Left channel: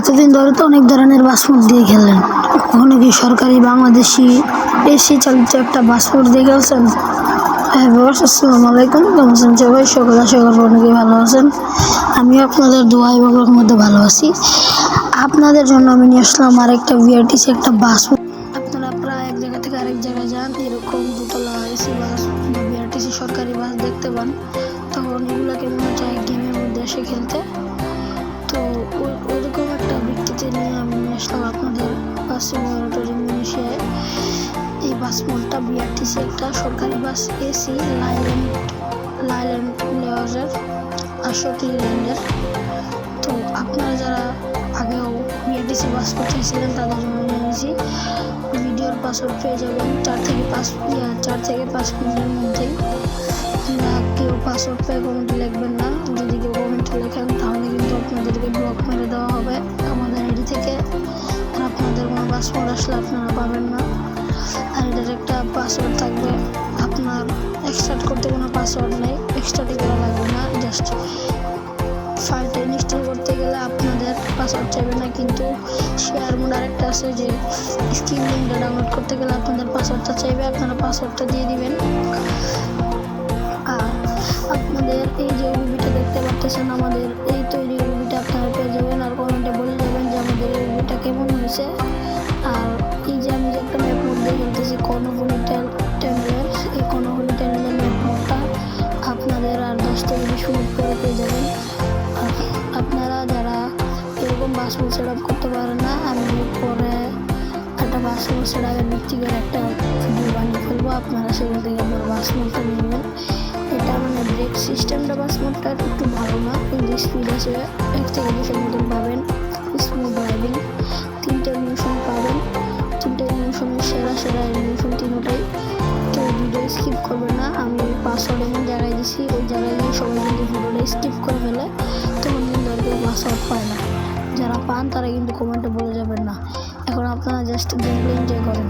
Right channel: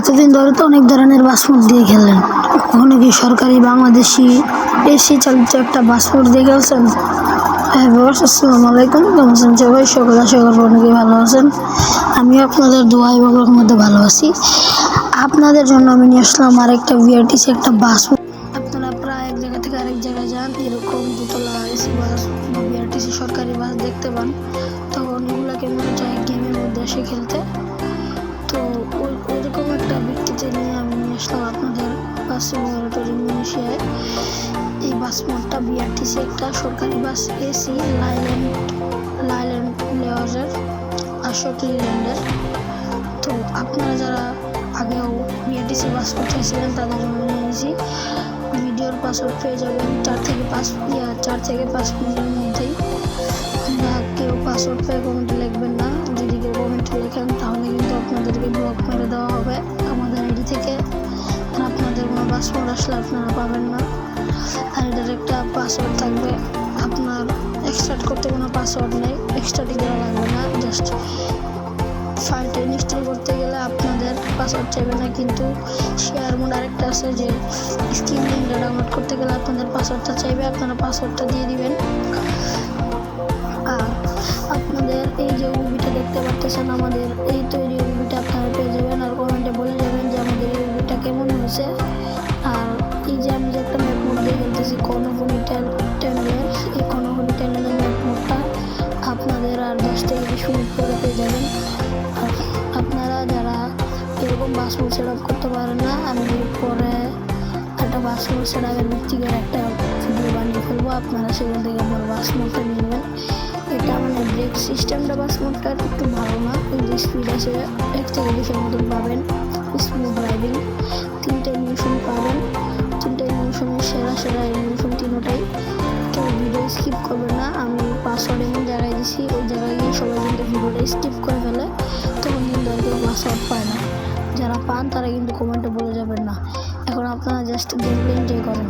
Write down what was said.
এতদিন ধরে তো অনেক ধরনের পাসপোর্ট দিয়ে খেলেন, কখনো কি সরকারি বাংলাদেশি এসি চালিত একটা পাসপোর্ট দিয়ে খেলছেন? হ্যাঁ বস, আসসালামু আলাইকুম। কেমন আছেন সবাই? সকল আশা করবো অনেকেই ভালো আছেন। আমিও আপনাদের দোয়া এবং মধ্যে ভালো আছি। আপনাদের জন্য আমি নিয়ে আসলাম আরেকটা বিআরটিসি একটা পাসপোর্ট। আপনারা প্রায় এক জায়গা থেকে আরেক জায়গায় যান, এরকম দুতলা এসি বাস বা বিআরটিসি সরকারি বাস দেখতে পান, তখন এগুলোকে মনে চায় গেমের মধ্যে এসে খেলতে। তো ওইরকম একটা ব্যক্তিতে নিয়ে আমি নিয়ে আসলাম আপনাদের বাস সিমুলেটর ইন্দোনেশিয়ায়। এই বাস মোডটা বিআরটিসি একটা সরকারি বাস, এসি লাইল্যান্ড লেওয়াজের 68 ল্যান্ডের। তো আপনারা যারা আগেও বিআরটিসি পাসপোর্ট চাইছিলেন তাদের জন্য নিয়ে নিয়েছি। ভিডিওর পাসওয়ার্ড পেয়ে যাবেন 4 থেকে 5 মিনিটের মধ্যেই। কেউ পাসওয়ার্ড পেয়ে কমেন্টে লিখবেন না, যদি কেউ কমেন্টে লেখেন তাহলে কিন্তু আপনাদেরকে ব্লক মেরে দেওয়া হবে আমাদের আইডি থেকে, আর আপনাদের কোনো পাসওয়ার্ড আসলে আপনারা পাবেন না। আর এটার একটা পাসওয়ার্ড থাকবে, আপনার এক্সট্রাক্ট করতে কোনো পাসওয়ার্ড নেই, এক্সট্রাটি করা লাগবে না। জাস্ট ফাইলটা ইনস্টল করতে গেলে আপনাদের পাসওয়ার্ড চাইবে না, কিন্তু শেয়ার মোড আরেকটা আছে যে স্ক্রিন লিঙ্কটা ডাউনলোড করতে গেলে আপনাদের পাসওয়ার্ডটা চাইবে, আপনারা পাসওয়ার্ডটা দিয়ে দিবেন। আর আপনাদের এই যে ওবিটা দেখতে পাচ্ছেন, আমাদের এই তৈরি ওবিটা আপনারা পেয়ে যাবেন, আর কমেন্টে বলে যাবেন যে আমাদের এই ওবিটা কেমন হয়েছে। আর এই যে আমি যে একটা ম্যাপ মোড দিয়ে খেলতেছি কর্ণফুলী টানেলের, এই কর্ণফুলী টানেলের ম্যাপ মোডটা আপনাদের আর 10 থেকে 20 মিনিট পরে পেয়ে যাবেন। আর আপনারা যারা এরকম বাস মোড সেট আপ করতে পারেন না, আমি পরে একটা বাস মোড সেট আপের ভিত্তি করে একটা ভিডিও বানিয়ে ফেলবো, আপনারা সেখান থেকে পরে বাস মোডটা নিয়ে নেবেন। এটা মানে ব্রেক সিস্টেমটা বাস মোডটা একটু ভালো না, কিন্তু স্পিড আছে 1 থেকে 200 মতন পাবেন। স্মুথ ড্রাইভিং 3টে ইমোশন পাবেন, 3টে ইমোশনের সেরা ইমোশন তিনটাই। কেউ ভিডিও স্কিপ করবে না, আমি পাসওয়ার্ড এমন জায়গায় দিছি, ওই জায়গায় গিয়ে সবাই কিন্তু ভিডিওটা স্কিপ করে ফেলে, তখন কিন্তু আর কেউ পাসওয়ার্ড পায় না। যারা পান তারা কিন্তু কমেন্টে বলে যাবেন না। এখন আপনারা জাস্ট গেমটা এনজয় করেন।